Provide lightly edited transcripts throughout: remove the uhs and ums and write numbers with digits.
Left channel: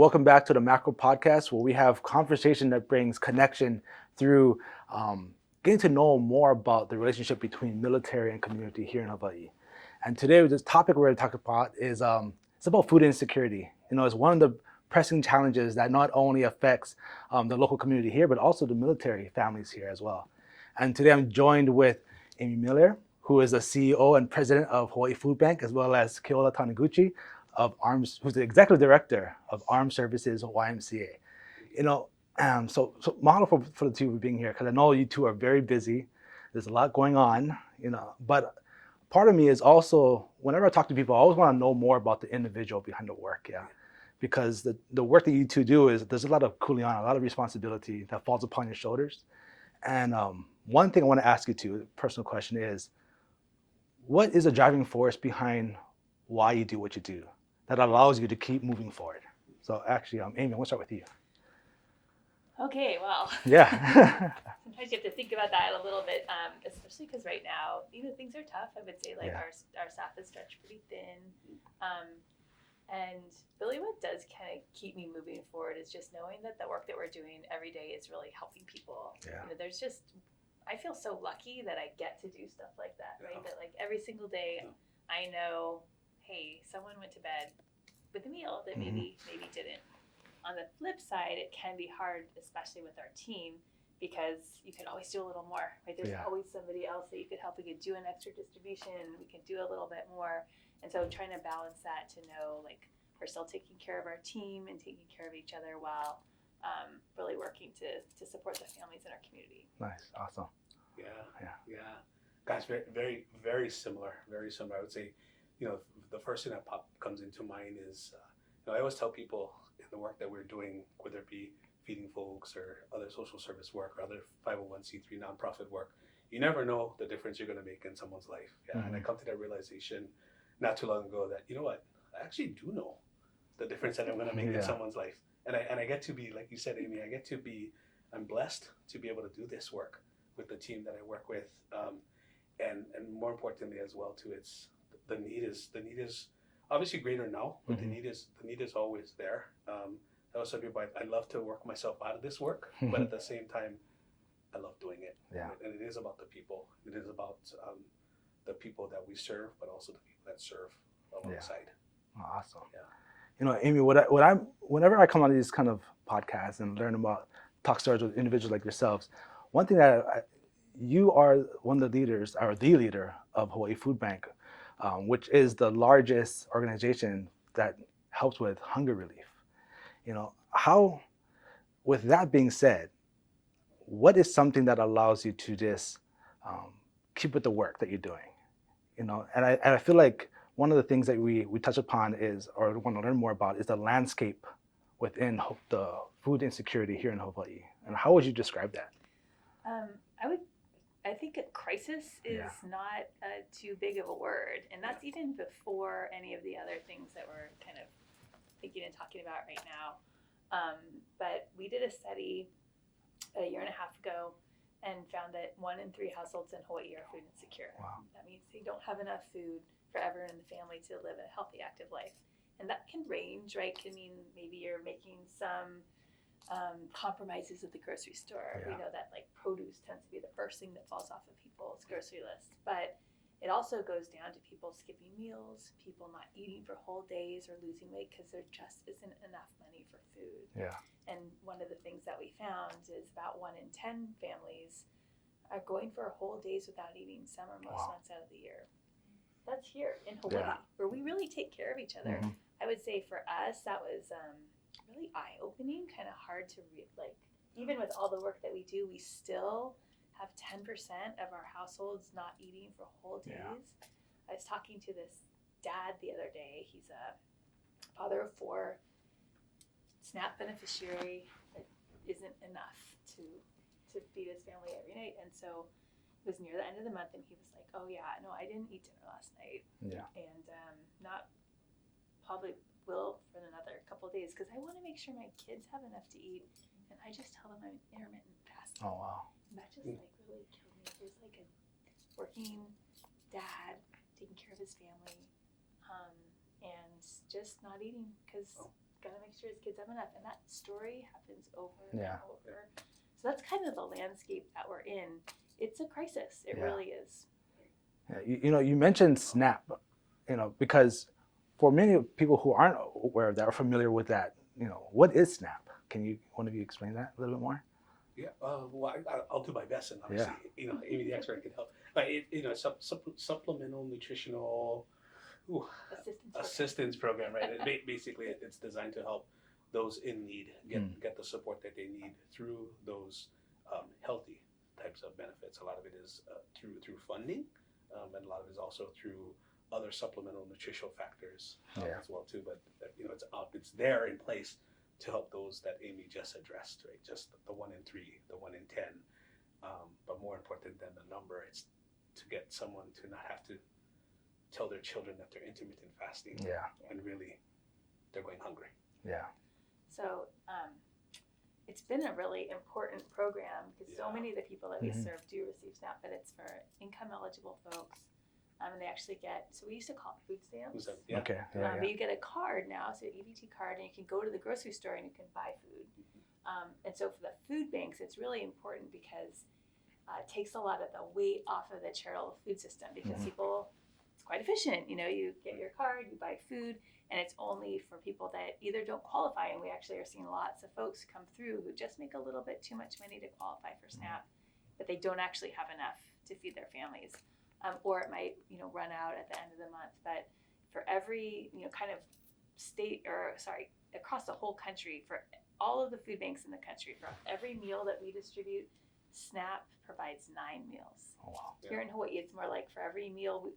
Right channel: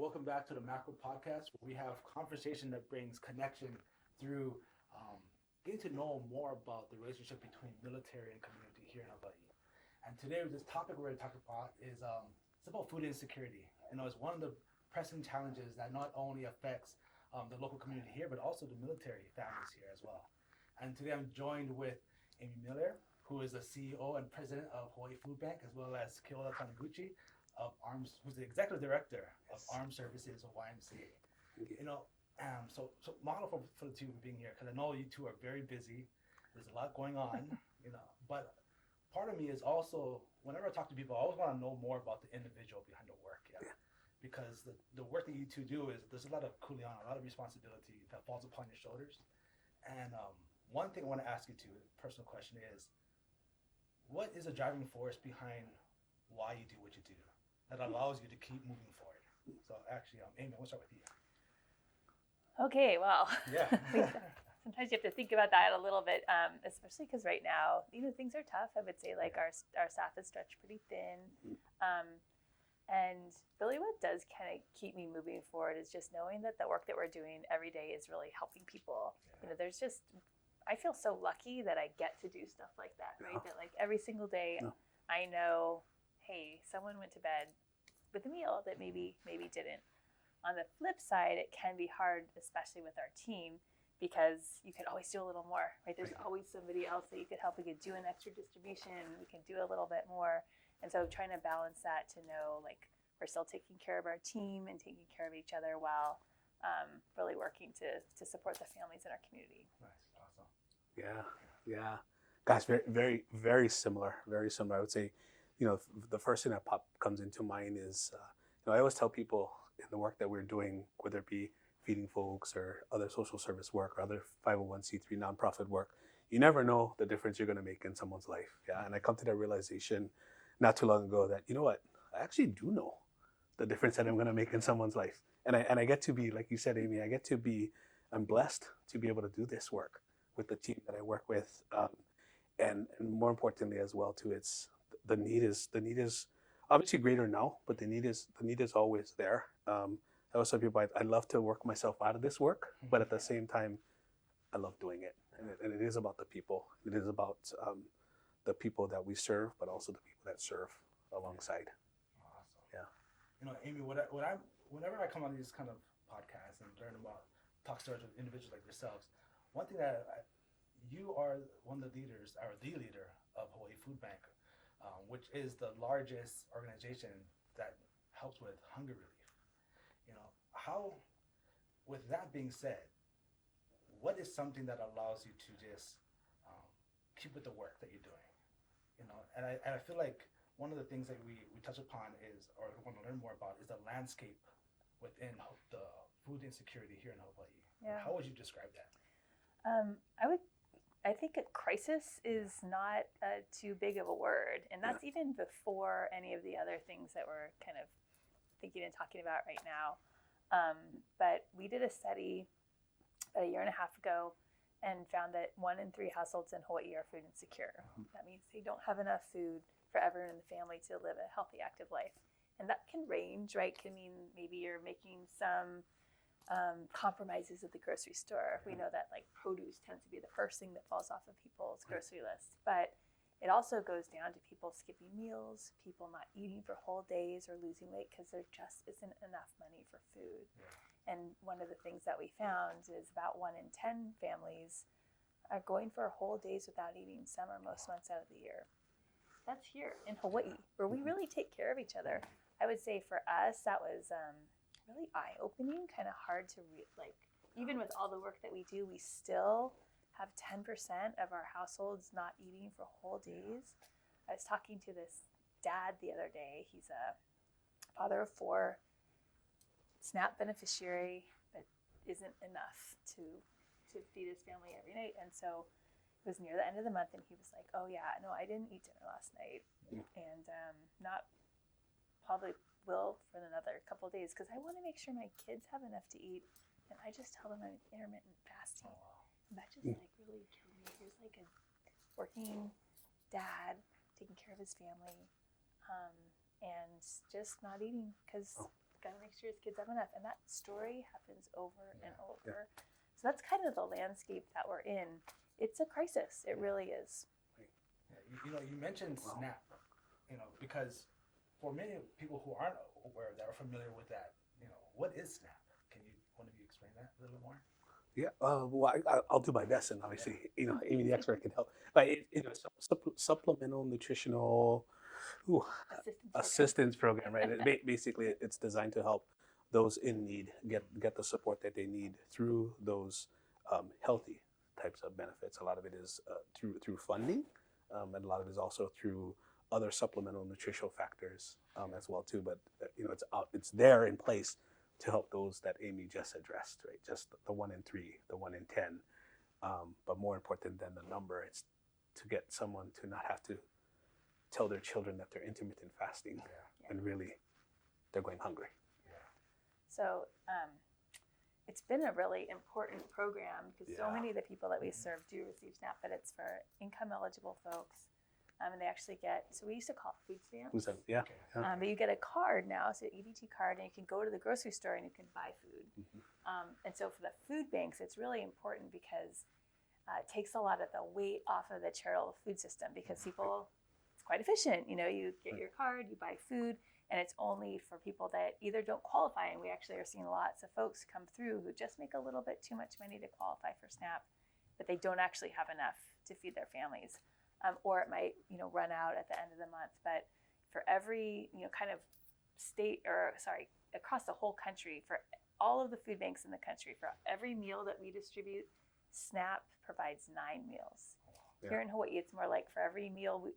welcome back to the Macro Podcast, where we have conversation that brings connection through getting to know more about the relationship between military and community here in Hawaii. And today, this topic we're going to talk about is it's about food insecurity. It's one of the pressing challenges that not only affects the local community here, but also the military families here as well. And today, I'm joined with Amy Miller, who is the CEO and President of Hawaii Foodbank, as well as Keola Taniguchi, who's the executive director of Armed Services YMCA. So model for the two of you being here, because I know you two are very busy. There's a lot going on, but part of me is also, whenever I talk to people, I always want to know more about the individual behind the work, because the work that you two do is, there's a lot of kuleana, a lot of responsibility that falls upon your shoulders. And one thing I want to ask you two, a personal question is, what is a driving force behind why you do what you do that allows you to keep moving forward? So actually, Amy, I want to start with you. Okay, well. Yeah. Sometimes you have to think about that a little bit, especially because right now, things are tough. I would say our staff is stretched pretty thin. And really what does kind of keep me moving forward is just knowing that the work that we're doing every day is really helping people. Yeah. I feel so lucky that I get to do stuff like that, right? That every single day I know, hey, someone went to bed with a meal that maybe didn't. On the flip side, it can be hard, especially with our team, because you can always do a little more, right? There's always somebody else that you could help. We could do an extra distribution. We can do a little bit more. And so trying to balance that to know, we're still taking care of our team and taking care of each other while really working to support the families in our community. Nice. Awesome. Yeah. Guys, very, very, very similar. Very similar. I would say, the first thing that comes into mind is, I always tell people in the work that we're doing, whether it be feeding folks or other social service work or other 501c3 nonprofit work, you never know the difference you're going to make in someone's life. Yeah. And I come to that realization not too long ago that, I actually do know the difference that I'm going to make in someone's life. And I get to be, like you said, Amy, I'm blessed to be able to do this work with the team that I work with. And more importantly as well too, it's the need is obviously greater now, but the need is always there. I also tell people I love to work myself out of this work, but at the same time, I love doing it. Yeah. And it is about the people. It is about the people that we serve, but also the people that serve alongside. Awesome. Yeah. Amy, whenever I come on these kind of podcasts and learn about talk stories with individuals like yourselves, one thing that you are one of the leaders, or the leader of Hawaii Foodbank, which is the largest organization that helps with hunger relief. How, with that being said, what is something that allows you to just keep with the work that you're doing? And I feel like one of the things that we touch upon is, or want to learn more about, is the landscape within the food insecurity here in Hawaii. And how would you describe that? I think a crisis is not too big of a word, and that's even before any of the other things that we're kind of thinking and talking about right now. But we did a study a year and a half ago and found that 1 in 3 households in Hawaii are food insecure. Wow. That means they don't have enough food for everyone in the family to live a healthy, active life. And that can range, right? Can mean maybe you're making some compromises at the grocery store. Yeah. We know that produce tends to be the first thing that falls off of people's grocery list. But it also goes down to people skipping meals, people not eating for whole days or losing weight because there just isn't enough money for food. Yeah. And one of the things that we found is about 1 in 10 families are going for whole days without eating some or most months out of the year. That's here in Hawaii, where we really take care of each other. I would say for us, that was really eye-opening, kind of hard to read. Even with all the work that we do, we still have 10% of our households not eating for whole days. Yeah. I was talking to this dad the other day. He's a father of 4, SNAP beneficiary. That isn't enough to feed his family every night. And so it was near the end of the month, and he was like, "Oh yeah, no, I didn't eat dinner last night, and not probably will for another couple of days because I want to make sure my kids have enough to eat." And I just tell them I'm intermittent fasting. Oh wow! And that just really killed me. He was a working dad taking care of his family, and just not eating because gotta make make sure his kids have enough. And that story happens over Yeah. and over. So that's kind of the landscape that we're in. It's a crisis. It really is. Yeah, you mentioned SNAP, because for many people who aren't aware of that or familiar with that, what is SNAP? Can one of you explain that a little bit more? Yeah, well, I'll do my best, and obviously, Amy, the expert, can help. But supplemental nutritional assistance program, right? Basically, it's designed to help those in need get the support that they need through those healthy types of benefits. A lot of it is through funding, and a lot of it is also through other supplemental nutritional factors as well too. But it's there in place to help those that Amy just addressed, right? Just the 1 in 3, the 1 in 10. But more important than the number, it's to get someone to not have to tell their children that they're intermittent fasting and really they're going hungry. Yeah. So it's been a really important program because so many of the people that we serve do receive SNAP, but it's for income eligible folks. And they actually get, so we used to call food stamps. Yeah. Okay. But you get a card now, so an EBT card, and you can go to the grocery store and you can buy food. And so for the food banks, it's really important because it takes a lot of the weight off of the charitable food system because people, it's quite efficient. You get your card, you buy food, and it's only for people that either don't qualify, and we actually are seeing lots of folks come through who just make a little bit too much money to qualify for SNAP, but they don't actually have enough to feed their families. Or it might, run out at the end of the month. But for every, kind of across the whole country, for all of the food banks in the country, for every meal that we distribute, SNAP provides 9 meals. Oh, wow. Here in Hawaii, it's more like for every meal we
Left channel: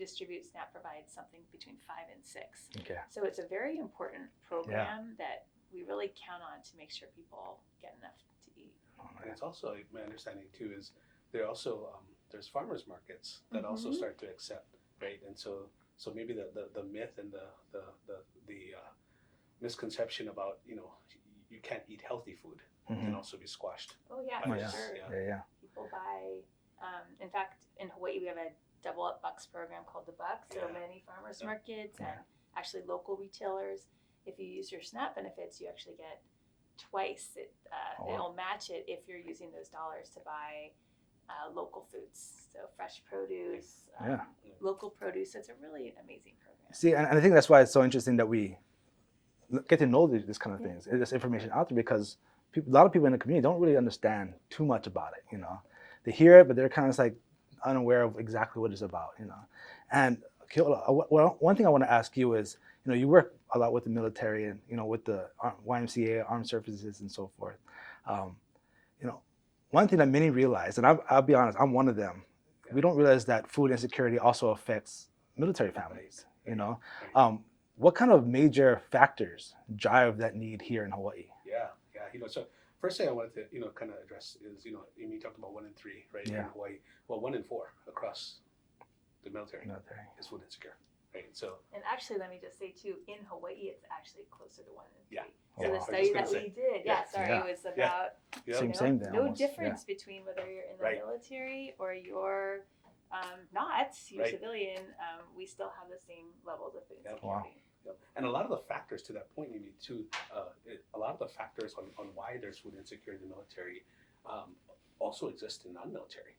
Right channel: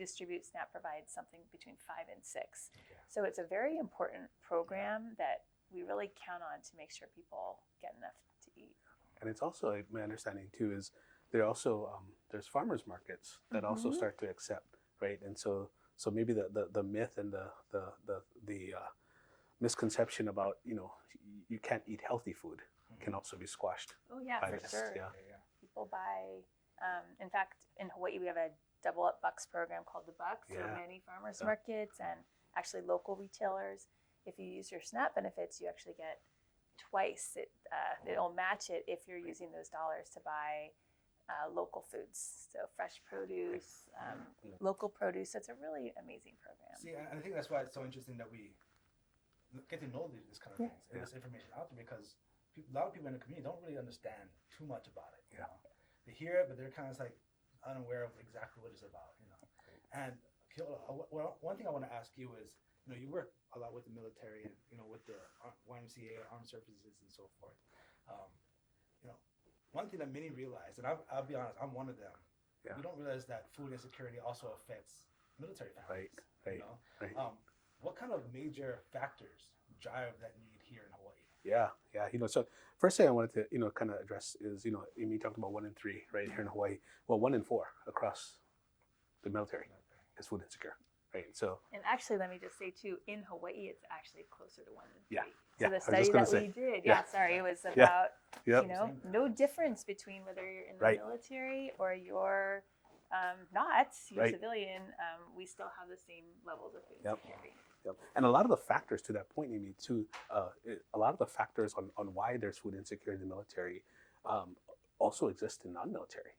distribute, SNAP provides something between 5 and 6. Okay. So it's a very important program that we really count on to make sure people get enough to eat. And it's also, my understanding too, is there also there's farmers markets that also start to accept, right? And so maybe the myth and the misconception about you can't eat healthy food can also be squashed. Oh yeah, for sure. Yeah. People buy. In fact, in Hawaii, we have a double up bucks program called the Bucks. So many farmers markets and actually local retailers. If you use your SNAP benefits, you actually get twice. It'll match it if you're using those dollars to buy local foods, so fresh produce, local produce. It's a really amazing program. See, and I think that's why it's so interesting that we get to know this kind of things, this information out there, because a lot of people in the community don't really understand too much about it. They hear it, but they're kind of like unaware of exactly what it's about. And Keola, one thing I want to ask you is, you work a lot with the military and with the YMCA, armed services, and so forth. One thing that many realize, and I'll be honest, I'm one of them. We don't realize that food insecurity also affects military families. What kind of major factors drive that need here in Hawaii? Yeah. So first thing I wanted to kind of address is Amy talked about 1 in 3, right, in Hawaii. Well, 1 in 4 across the military is food insecure, right? So and actually, let me just say too, in Hawaii, it's actually closer to 1 in 3. Yeah. So the study that we did, it was about same thing. no almost. difference between whether you're in the military or you're not, you're civilian. We still have the same levels of food insecurity. Yep. And a lot of the factors to that point, Amy, too, a lot of the factors on why there's food insecurity in the military also exist in non-military.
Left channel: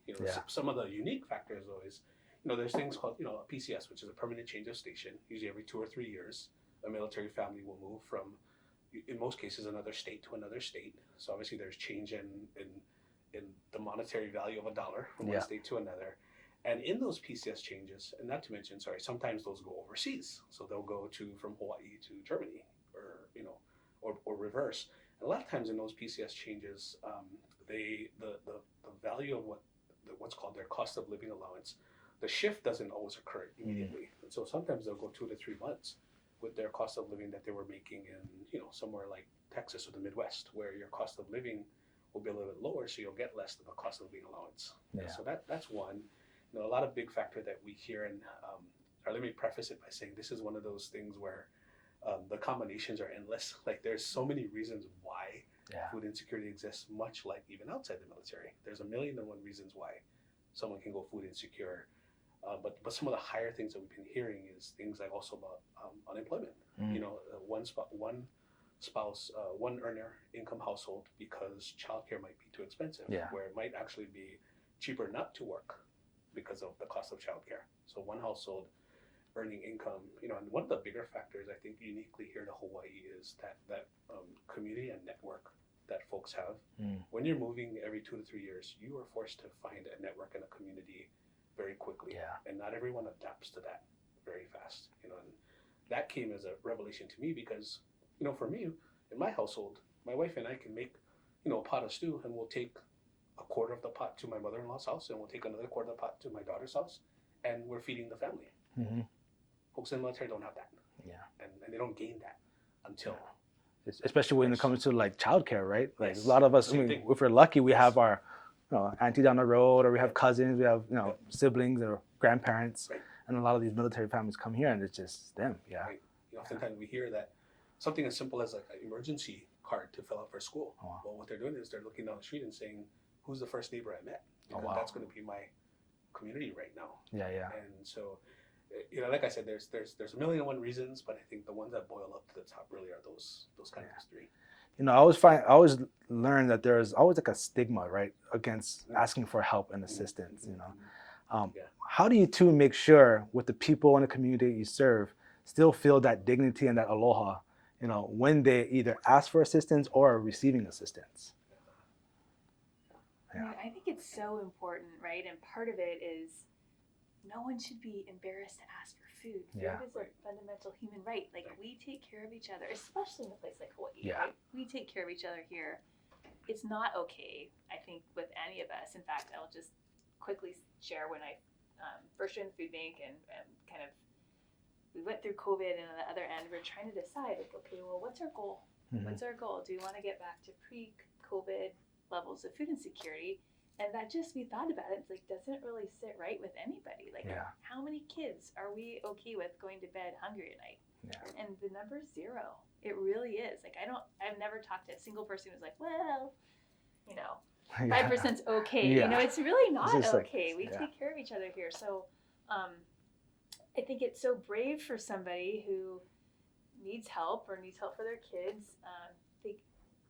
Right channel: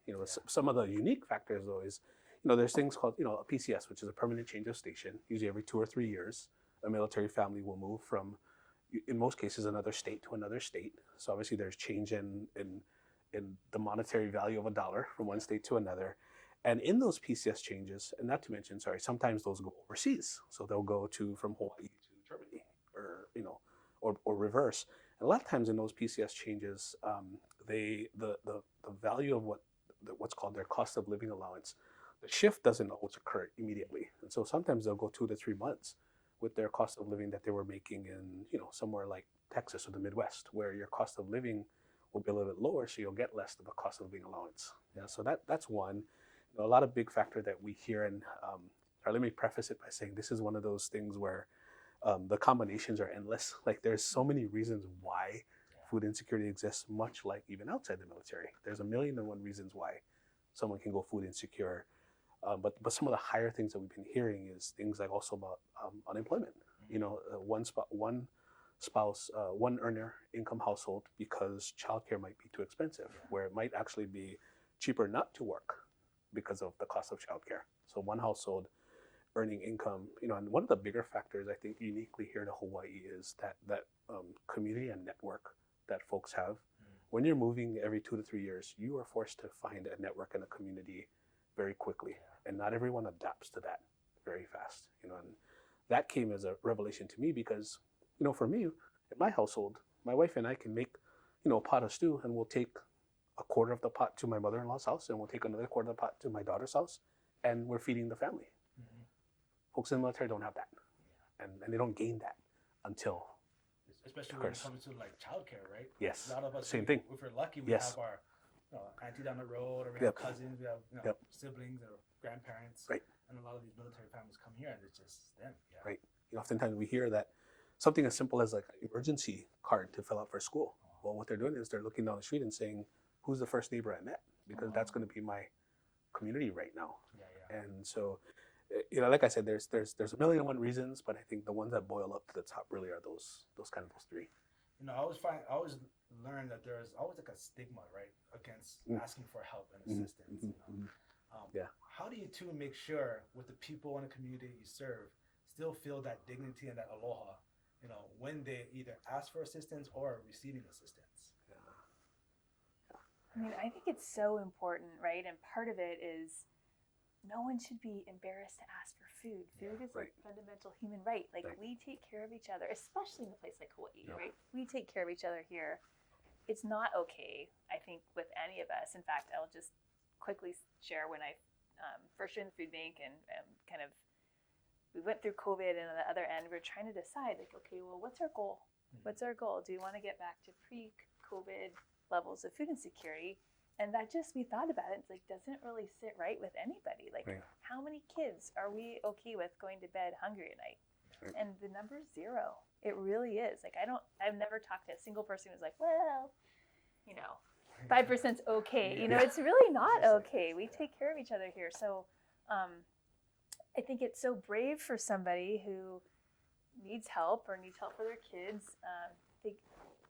Some of the unique factors though is, there's things called, a PCS, which is a permanent change of station. Usually every 2 or 3 years, a military family will move from, in most cases, another state to another state. So obviously there's change in the monetary value of a dollar from one state to another. And in those PCS changes, and not to mention, sometimes those go overseas. So they'll go from Hawaii to Germany, or reverse. And a lot of times in those PCS changes, the value of what's called their cost of living allowance, the shift doesn't always occur immediately. And so sometimes they'll go 2 to 3 months with their cost of living that they were making in, somewhere like Texas or the Midwest, where your cost of living will be a little bit lower, so you'll get less of a cost of living allowance. So that's one. A lot of big factor that we hear, and let me preface it by saying this is one of those things where the combinations are endless. Like there's so many reasons why food insecurity exists, much like even outside the military. There's 1,000,001 reasons why someone can go food insecure. But some of the higher things that we've been hearing is things like also about unemployment. One spouse, one earner income household because childcare might be too expensive, Yeah. where it might actually be cheaper not to work because of the cost of childcare. So one household earning income, and one of the bigger factors I think uniquely here to Hawaii is that community and network that folks have. When you're moving every 2 to 3 years, you are forced to find a network and a community very quickly, and not everyone adapts to that very fast. And that came as a revelation to me because, for me, in my household, my wife and I can make, a pot of stew, and we'll take a quarter of the pot to my mother-in-law's house, and we'll take another quarter of the pot to my daughter's house, and we're feeding the family. Folks in the military don't have that, and they don't gain that until. Especially when it comes to like childcare, right? Like Yes. a lot of us, Same thing. if we're lucky, we Yes. have our auntie down the road, or we have Yep. cousins, we have Yep. siblings or grandparents, Right. and a lot of these military families come here, and it's just them. Yeah. Right. Oftentimes we hear that something as simple as like an emergency card to fill out for school. Oh, wow. Well, what they're doing is they're looking down the street and saying, "Who's the first neighbor I met?" Because wow. that's going to be my community right now. Yeah. And so, like I said, there's a million and one reasons, but I think the ones that boil up to the top really are those kind of three. I always learn that there's always like a stigma, right, against asking for help and assistance. How do you two make sure with the people in the community you serve still feel that dignity and that aloha, when they either ask for assistance or are receiving assistance? Yeah. I think it's so important, right? And part of it is no one should be embarrassed to ask for food. Yeah. Food is a fundamental human right. Like we take care of each other, especially in a place like Hawaii. Yeah. Right? We take care of each other here. It's not okay, I think, with any of us. In fact, I'll just quickly share when I first joined the food bank and kind of we went through COVID, and on the other end, we're trying to decide, like, okay, well, what's our goal? What's our goal? Do we want to get back to pre-COVID levels of food insecurity? And that we thought about it, it's like, doesn't really sit right with anybody. Like, how many kids are we okay with going to bed hungry at night? Yeah. And the number's 0. It really is. Like, I've never talked to a single person who's like, well, 5%'s okay. Yeah. It's really not okay. Like, we take care of each other here. So I think it's so brave for somebody who needs help or needs help for their kids.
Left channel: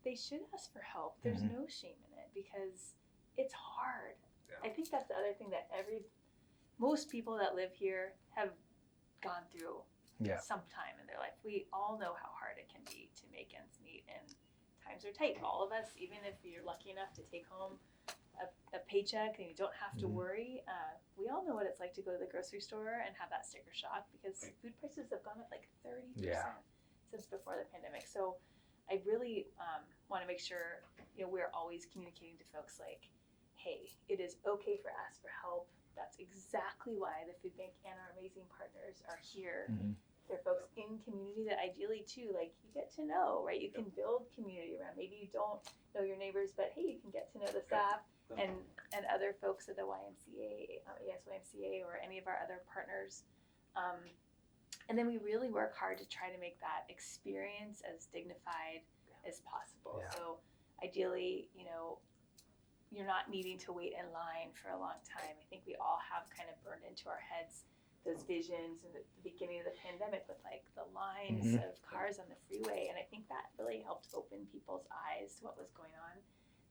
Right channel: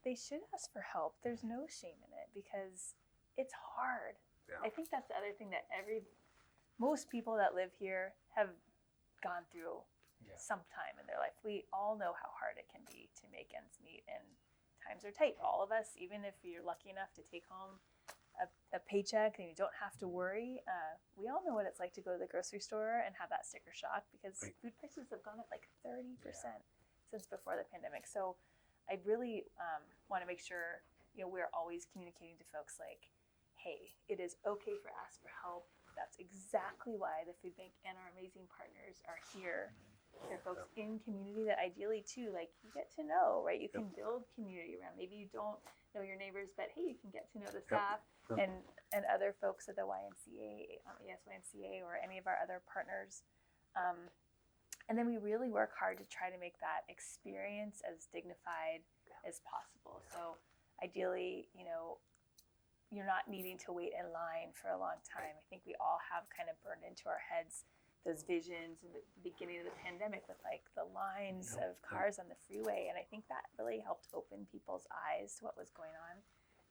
They should ask for help. There's no shame in it because it's hard. Yeah. I think that's the other thing that most people that live here have gone through some time in their life. We all know how hard it can be to make ends meet, and times are tight. All of us, even if you're lucky enough to take home a paycheck and you don't have to worry, we all know what it's like to go to the grocery store and have that sticker shock because food prices have gone up like 30% since before the pandemic. So I really want to make sure we're always communicating to folks like, hey, it is okay for ask for help. That's exactly why the food bank and our amazing partners are here. They're folks in community that ideally too, like you get to know, right? You can build community around. Maybe you don't know your neighbors, but hey, you can get to know the staff and other folks at the YMCA or any of our other partners. And then we really work hard to try to make that experience as dignified as possible. Yeah. So ideally, you're not needing to wait in line for a long time. I think we all have kind of burned into our heads those visions in the beginning of the pandemic with like the lines of cars on the freeway. And I think that really helped open people's eyes to what was going on.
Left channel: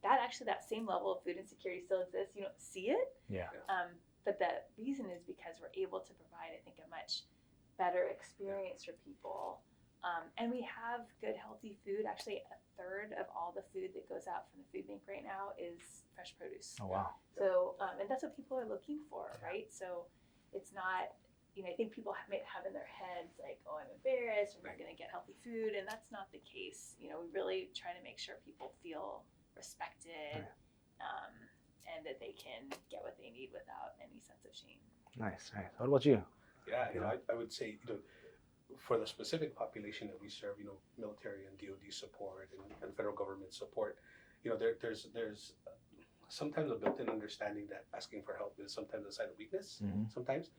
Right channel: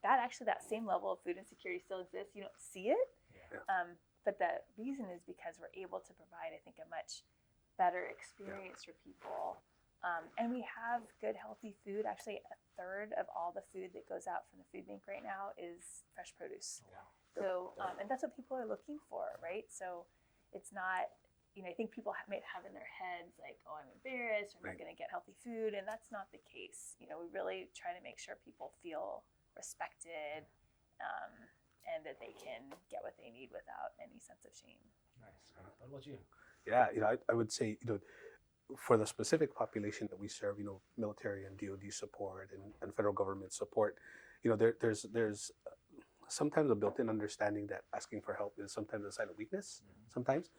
That same level of food insecurity still exists. You don't see it. Yeah. But the reason is because we're able to provide, I think, a much better experience for people. And we have good, healthy food. Actually, a third of all the food that goes out from the food bank right now is fresh produce. Oh, wow. So, and that's what people are looking for, right? So it's not, I think people might have in their heads like, oh, I'm embarrassed, we're not going to get healthy food. And that's not the case. We really try to make sure people feel respected and that they can get what they need without any sense of shame. Nice. What about you? Yeah, I would say, for the specific population that we serve, military and DoD support and federal government support, there's sometimes a built-in understanding that asking for help is sometimes a sign of weakness. Sometimes,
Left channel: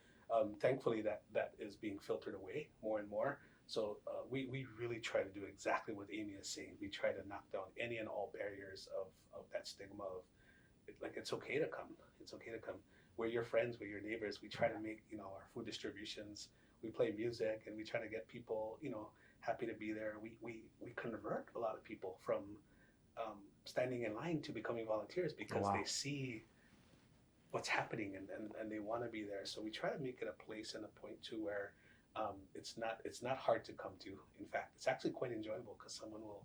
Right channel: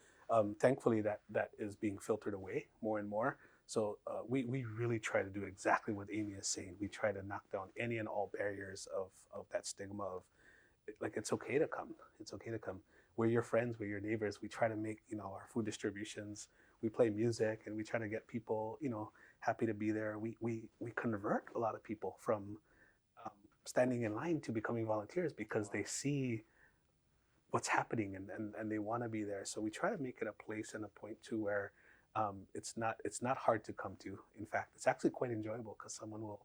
thankfully, that is being filtered away more and more. So we really try to do exactly what Amy is saying. We try to knock down any and all barriers of that stigma of like it's okay to come. It's okay to come. We're your friends. We're your neighbors. We try to make our food distributions. We play music and we try to get people happy to be there. We convert a lot of people from standing in line to becoming volunteers because Wow. they see what's happening and they want to be there. So we try to make it a place and a point to where it's not hard to come to. In fact, it's actually quite enjoyable because someone will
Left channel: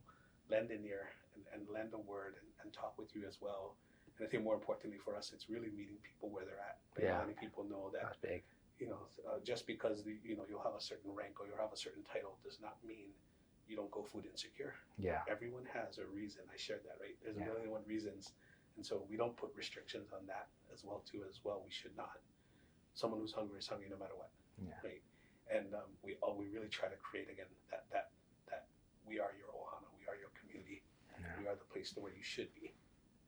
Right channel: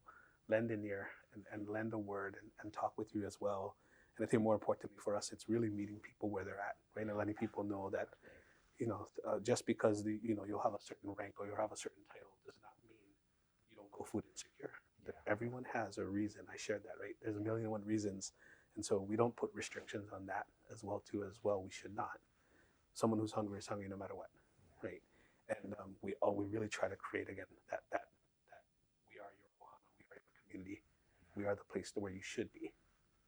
lend an ear and lend a word and talk with you as well. And I think more importantly for us, it's really meeting people where they're at. Right? Yeah. Letting people know that That's big. just because you'll have a certain rank or you'll have a certain title does not mean you don't go food insecure. Yeah. Everyone has a reason. I shared that, right? There's a Yeah. million and one reasons. And so we don't put restrictions on that as well. We should not. Someone who's hungry is hungry no matter what, Yeah. right? And we really try to create again that we are your ohana, we are your community, Yeah. we are the place where you should be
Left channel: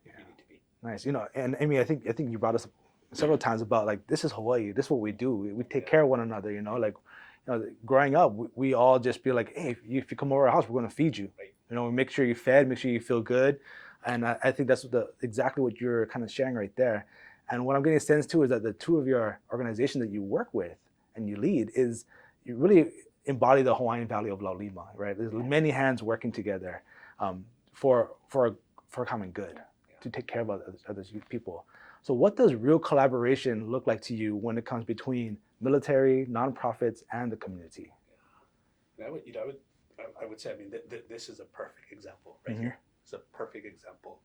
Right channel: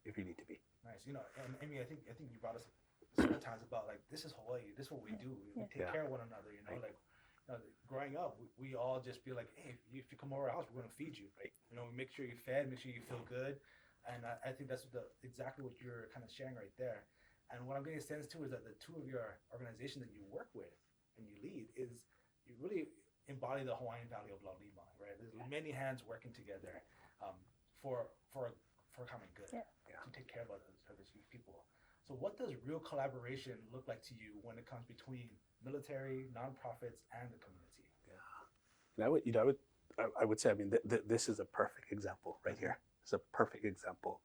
if you need to be. Nice. And Amy, I think you brought us up several times about like this is Hawaii. This is what we do. We take Yeah. care of one another. Like growing up, we all just be like, hey, if you come over our house, we're gonna feed you. Right. We make sure you're fed, make sure you feel good, and I think that's exactly what you're kind of sharing right there. And what I'm getting a sense too is that the two of your organizations that you work with and you lead is you really embody the Hawaiian value of Laulima, right? There's many hands working together for a common good, to take care of other people. So what does real collaboration look like to you when it comes between military, nonprofits, and the community? Yeah. I would say, I mean, this is a perfect example right Mhm. here. It's a perfect example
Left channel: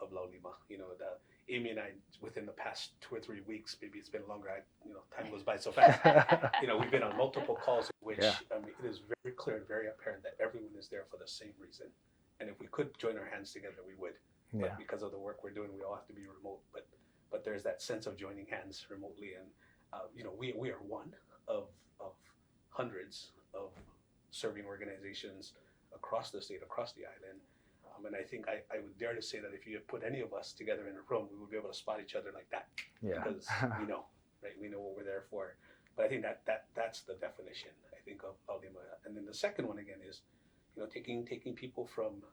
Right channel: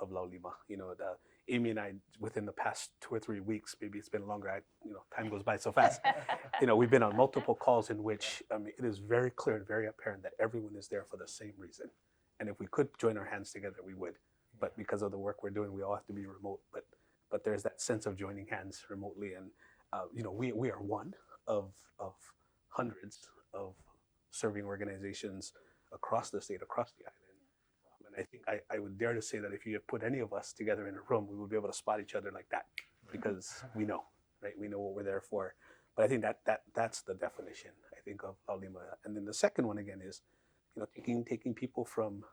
of Laulima. Amy and I, within the past 2 or 3 weeks, maybe it's been longer. Time goes by so fast. We've been on multiple calls in which it is very clear and very apparent that everyone is there for the same reason. And if we could join our hands together, we would. Yeah. But because of the work we're doing, we all have to be remote. But there's that sense of joining hands remotely, and we are one of hundreds of serving organizations across the state, across the island. And I think I would dare to say that if you put any of us together in a room, we would be able to spot each other like that, because we know, right? We know what we're there for. But I think that's the definition, I think, of Laulima. And then the second one again is, taking people from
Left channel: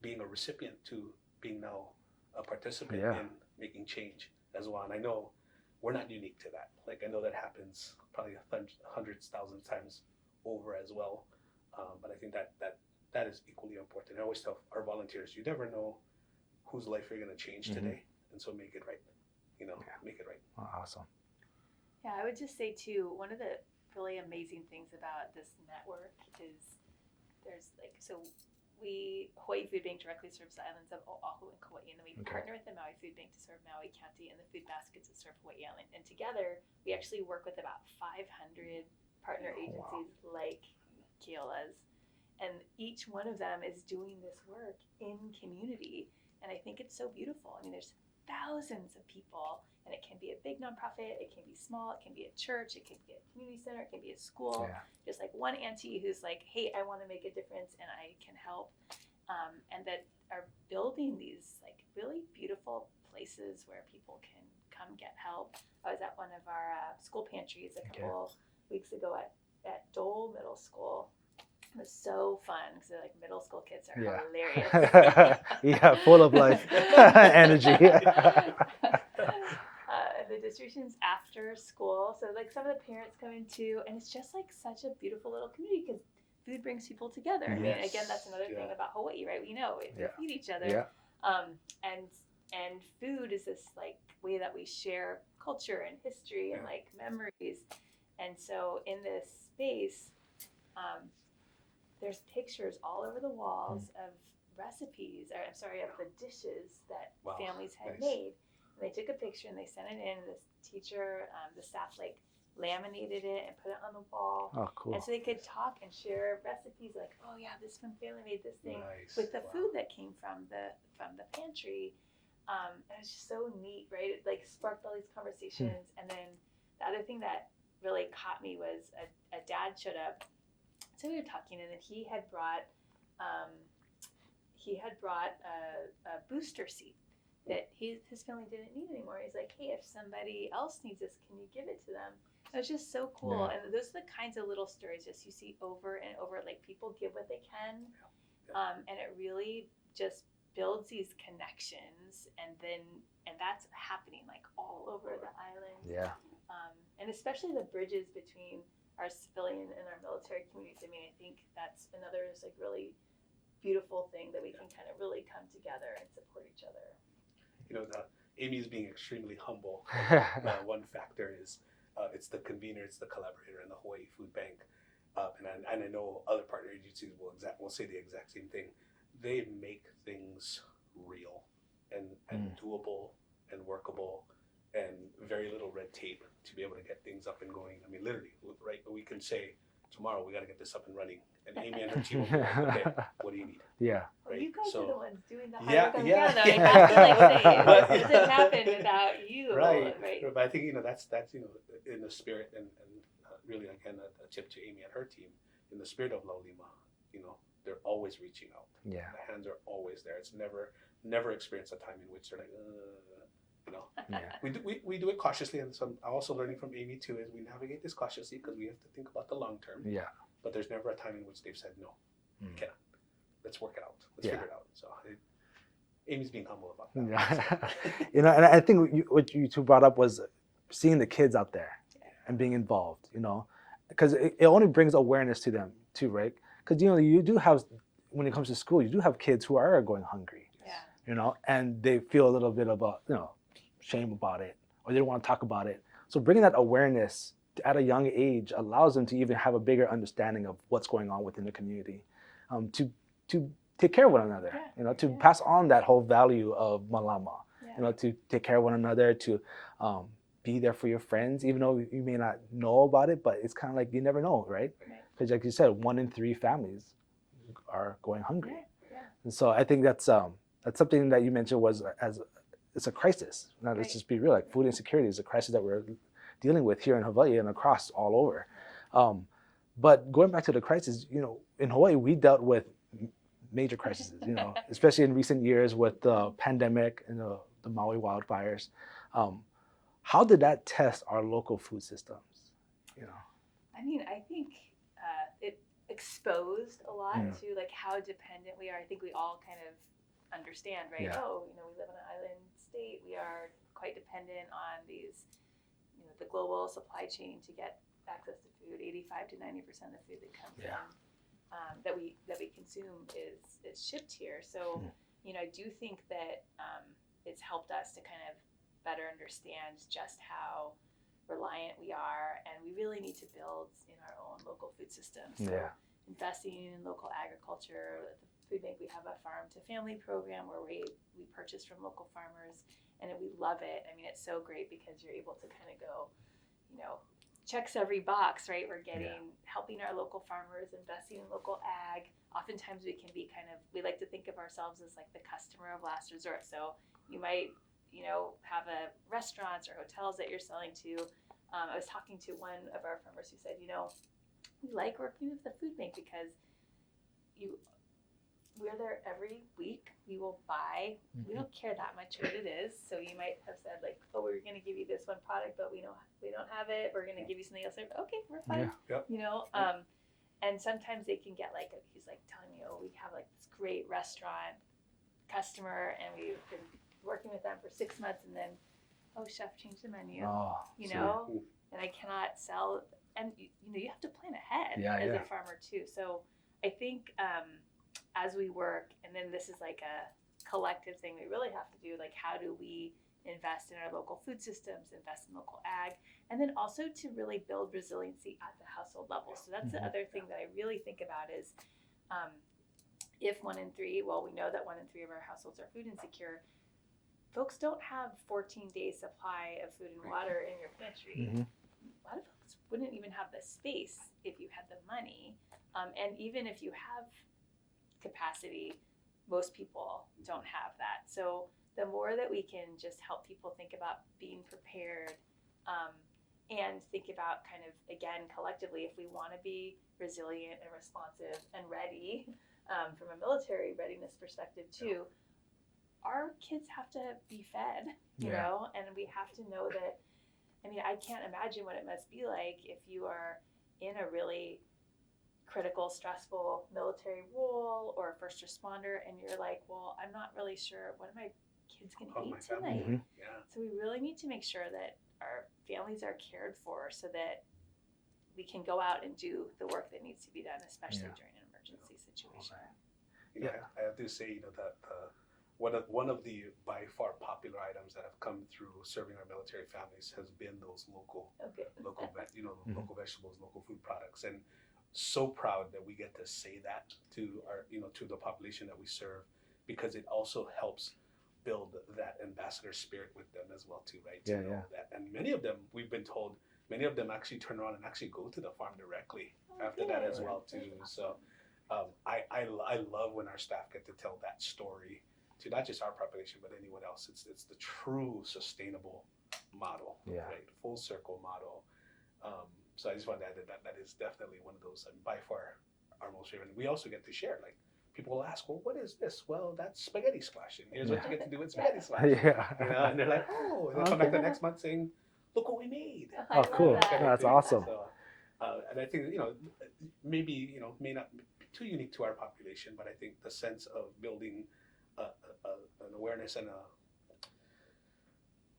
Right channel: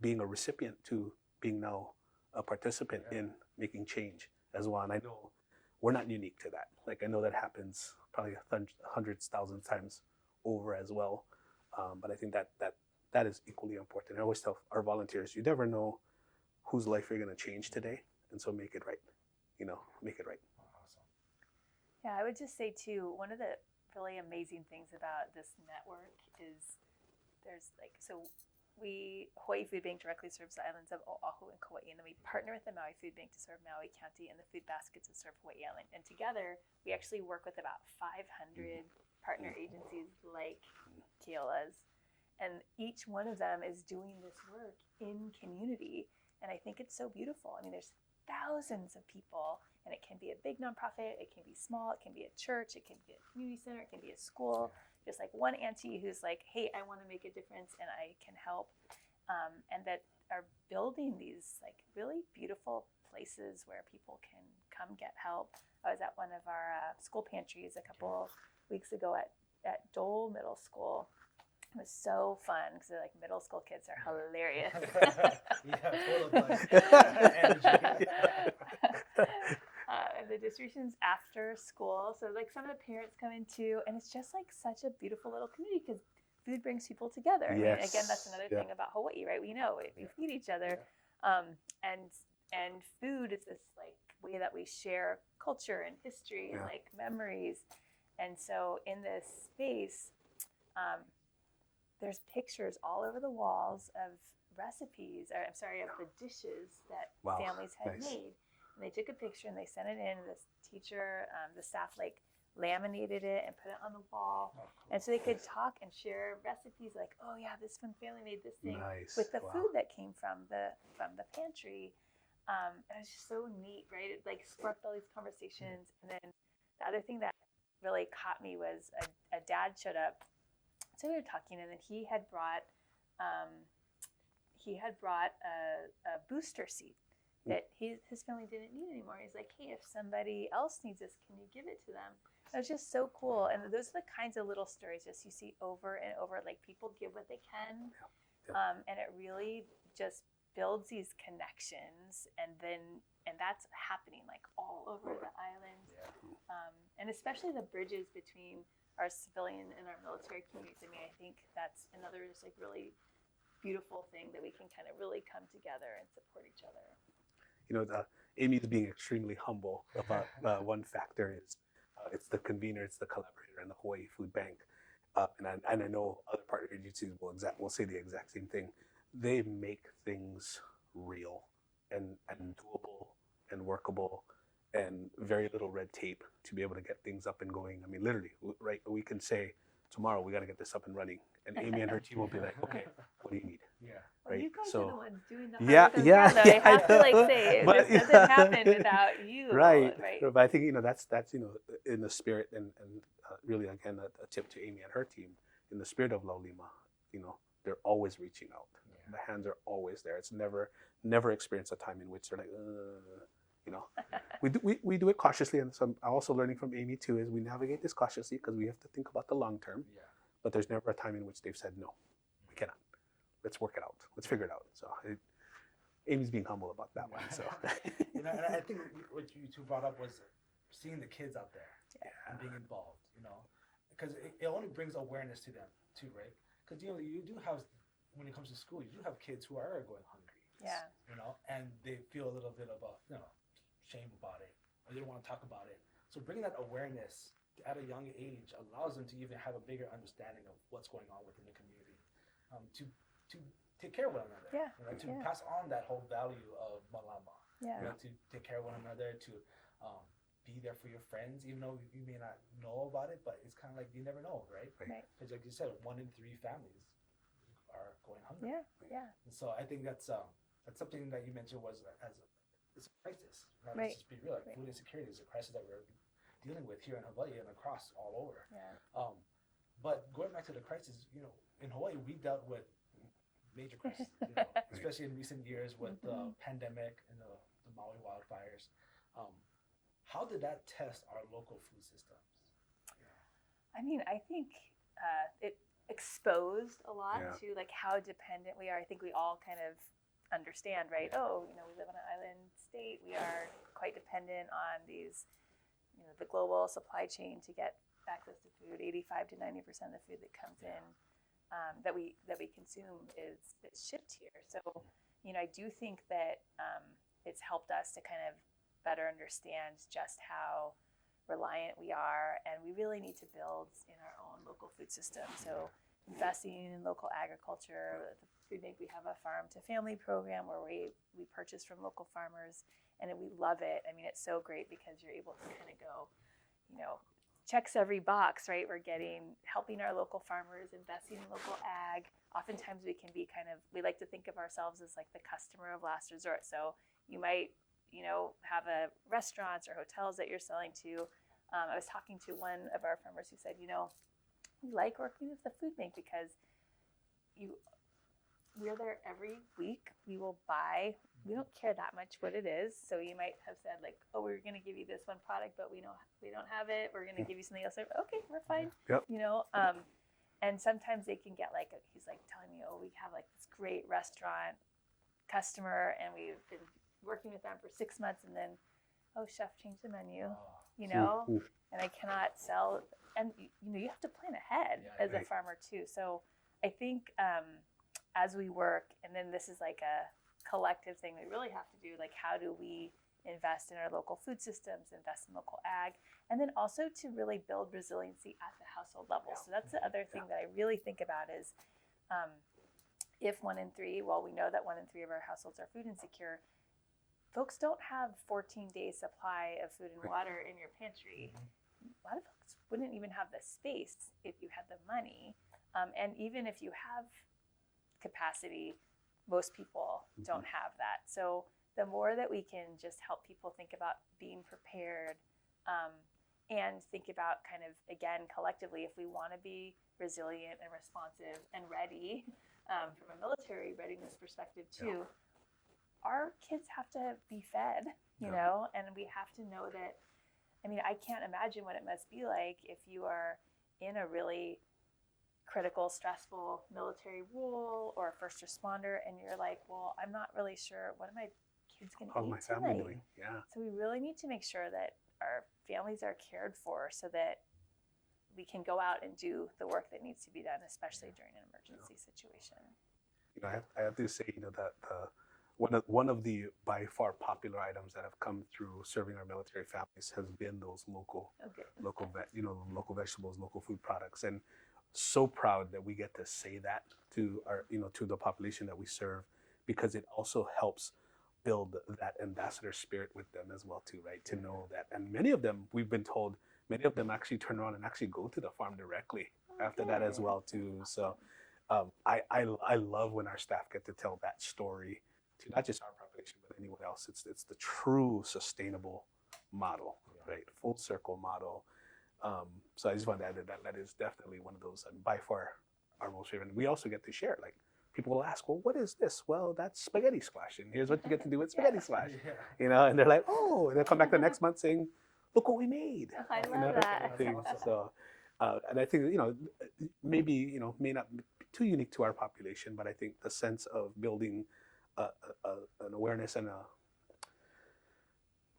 being a recipient to being now a participant in making change as well. And I know we're not unique to that. Like, I know that happens probably hundreds, thousands times over as well. But I think that is equally important. I always tell our volunteers, you never know whose life you're going to change today, and so make it right. Make it right. Oh, awesome. Yeah, I would just say too, one of the really amazing things about this network is Hawaii Food Bank directly serves the islands of Oahu and Kauai, and then we partner with the Maui Food Bank to serve Maui County, and the Food Basket to serve Hawaii Island. And together, we actually work with about 500 partner agencies like Keola's, and each one of them is doing this work in community. And I think it's so beautiful. I mean, there's thousands of people, and it can be a big nonprofit, it can be small, it can be a church, it can be a community center, it can be a school. Yeah. Just like one auntie who's like, hey, I want to make a difference and I can help. And that are building these like really beautiful places where people can come get help. I was at one of our school pantries a couple weeks ago at Dole Middle School. It was so fun because like middle school kids are hilarious. Full of like energy. And the distribution's after school, so like some of the parents come in too, and it's just like such a beautiful little community because food brings people together. I mean, again, that's another thing about Hawaii, right? We know we feed each other. Yeah. And food is this like way that we share culture and history and like memories. And so in this space, there's pictures all over the walls of recipes, of the dishes that families had made. And they took a picture and they sent it in. This teacher, the staff like laminated it and put it on the wall. Oh, cool. And so they could talk and share recipes like, oh yeah, this one family made this thing with the food that came from the pantry. And it's just so neat, right? It like sparked all these conversations. And then the other thing that really caught me was a dad showed up. So we were talking, and then he had brought a booster seat that his family didn't need anymore. He's like, hey, if somebody else needs this, can you give it to them? It was just so cool. And those are the kinds of little stories just you see over and over. Like, people give what they can, and it really just builds these connections, and that's happening like all over the island. And especially the bridges between our civilian and our military communities. I mean, I think that's another just like really beautiful thing that we can kind of really come together and support each other. You know, Amy's being extremely humble. One factor is it's the convener, it's the collaborator, and the Hawaii Foodbank. And I know other partner agencies will say the exact same thing. They make things real and doable and workable, and very little red tape to be able to get things up and going. I mean, literally, right? We can say tomorrow we got to get this up and running, and Amy and her team will be like, okay, what do you need? Yeah. Right. You guys are the ones doing the Yeah, hard yeah, work, though. I have to like say, But- this doesn't happen without you. Right. Right. But I think, you know, that's you know, in the spirit, and really again a tip to Amy and her team, in the spirit of Laulima, you know, they're always reaching out. Yeah. The hands are always there. It's never experienced a time in which they're like, you know. Yeah. We do it cautiously, and so I'm also learning from Amy too, is we navigate this cautiously because we have to think about the long term. Yeah. But there's never a time in which they've said no, you cannot. Let's work it out. Let's figure it out. So Amy's being humble about that. Yeah. You know, and I think what you two brought up was seeing the kids out there and being involved. You know, because it only brings awareness to them too, right? Because you know you do have, when it comes to school, you do have kids who are going hungry. Yeah. You know, and they feel a little bit of a shame about it, or they don't want to talk about it. So bringing that awareness at a young age allows them to even have a bigger understanding of what's going on within the community, to take care of one another. You know, to pass on that whole value of malama. You know, to take care of one another, to be there for your friends, even though you may not know about it, but it's kind of like you never know, right? Because like you said, 1 in 3 families are going hungry. And so I think that's something that you mentioned was it's a crisis. Now let's just be real, like food insecurity is a crisis that we're dealing with here in Hawaii and across all over. But going back to the crisis, you know, in Hawaii we dealt with major crises, you know, especially in recent years with the pandemic and the Maui wildfires. How did that test our local food systems? You know, I mean, I think it exposed a lot to like how dependent we are. I think we all kind of understand, right? Yeah. Oh, you know, we live in an island state. We are quite dependent on these, you know, the global supply chain to get access to food. 85 to 90% of the food that comes in that we consume is shipped here. So, you know, I do think that it's helped us to kind of better understand just how reliant we are, and we really need to build in our own local food systems. So investing in local agriculture. At the Foodbank, we have a farm to family program where we purchase from local farmers, and we love it. I mean, it's so great because you're able to kind of go, you know, checks every box, right? We're helping our local farmers, investing in local ag. Oftentimes we can be we like to think of ourselves as like the customer of last resort. So you might, you know, have restaurants or hotels that you're selling to. I was talking to one of our farmers who said, you know, we like working with the Foodbank because we're there every week. We will buy. We don't care that much what it is. So you might have said like, oh, we're going to give you this one product, but we don't have it. We're going to give you something else. Okay, we're fine. You know, and sometimes they can get like, he's like telling me, oh, we have like this great restaurant customer, and we've been working with them for 6 months, and then, oh, chef changed the menu. You know, and I cannot sell. And you know, you have to plan ahead as a farmer too. So I think as we work, and then this is like a collective thing we really have to do, like how do we invest in our local food systems, invest in local ag, and then also to really build resiliency at the household level. So that's the other thing that I really think about is if 1 in 3, well, we know that 1 in 3 of our households are food insecure, folks don't have 14-day supply of food and water in your pantry. A lot of folks wouldn't even have the space if you had the money. And even if you have capacity, most people don't have that. So the more that we can just help people think about being prepared, and think about kind of, again, collectively, if we want to be resilient and responsive and ready, from a military readiness perspective too, our kids have to be fed, you know, and we have to know that. I mean, I can't imagine what it must be like if you are in a really critical, stressful military role or a first responder, and you're like, well, I'm not really sure what are my kids going to eat tonight. So we really need to make sure that our families are cared for, so that we can go out and do the work that needs to be done, especially during an emergency situation. You know, I have to say, you know, that one of the by far popular items that have come through serving our military families has been those local vegetables, local food products, and so proud that we get to say that to our, you know, to the population that we serve, because it also helps build that ambassador spirit with them as well too, right? To know that, and many of them, we've been told, many of them actually turn around and actually go to the farm directly after that as well too. So I love when our staff get to tell that story to not just our population but anyone else. It's the true sustainable model, right? Full circle model. So I just want to add that is definitely one of those, by far our most favorite. And we also get to share, like, people will ask, well, what is this? Well, that's spaghetti squash, and here's what you get to do with spaghetti squash. You know, and they're like, oh, they'll come back the next month saying, look what we made. Oh, cool. That's awesome. So, and I think, you know, maybe, you know, may not be too unique to our population, but I think the sense of building an awareness and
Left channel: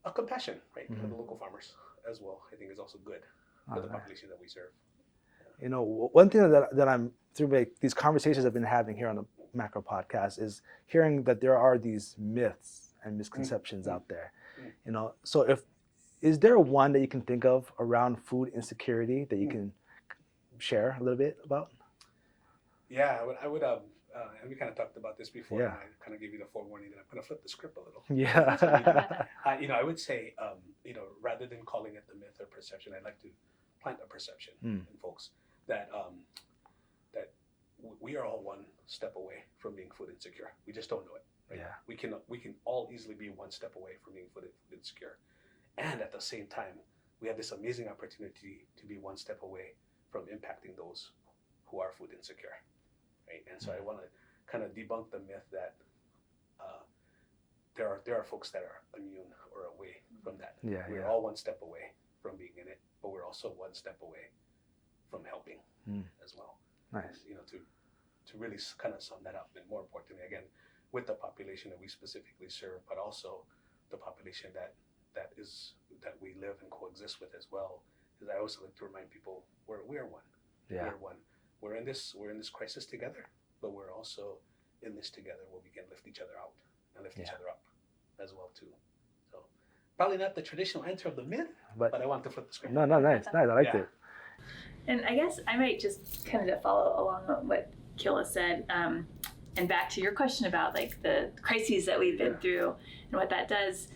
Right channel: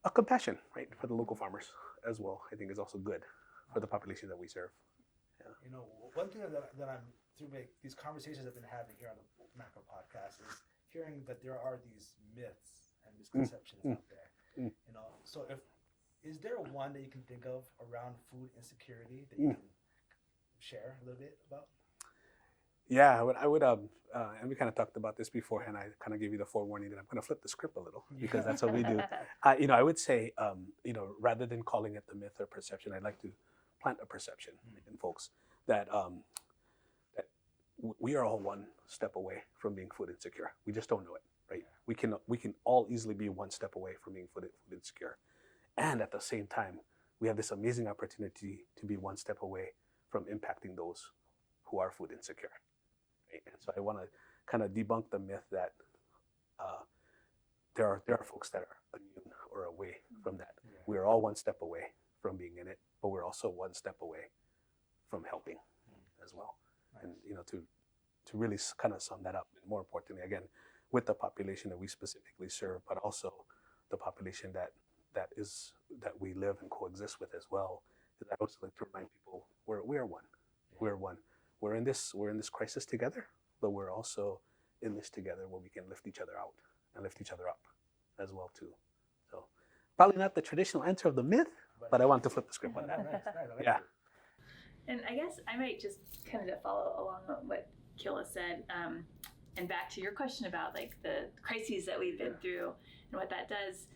a compassion, right, for the local farmers as well, I think is also good for the population that we serve. You know, one thing that I'm through these conversations I've been having here on the Macro Podcast is hearing that there are these myths and misconceptions out there. You know, so is there one that you can think of around food insecurity that you can share a little bit about? Yeah, I would and we kind of talked about this before, and I kind of gave you the forewarning that I'm going to flip the script a little. Yeah, that's what we do. You know, I would say, you know, rather than calling it the myth or perception, I'd like to plant a perception in folks that that we are all one step away from being food insecure. We just don't know it, right? Yeah. We can all easily be one step away from being food insecure, and at the same time, we have this amazing opportunity to be one step away from impacting those who are food insecure. Right? And so I want to kind of debunk the myth that there are folks that are immune or away from that. We're all one step away from being in it, but we're also one step away from helping as well. Nice. And, you know, to really kind of sum that up, and more importantly, again, with the population that we specifically serve, but also the population that we live and coexist with as well. Is I also like to remind people we are one. Yeah. We're one. We're in this crisis together, but we're also in this together where we can lift each other out and lift each other up as well too. So probably not the traditional answer of the myth, but I want to flip the script. No, nice. I like it. And I guess I might just kind of follow along on what Keola said, and back to your question about like the crises that we've been through and what that does.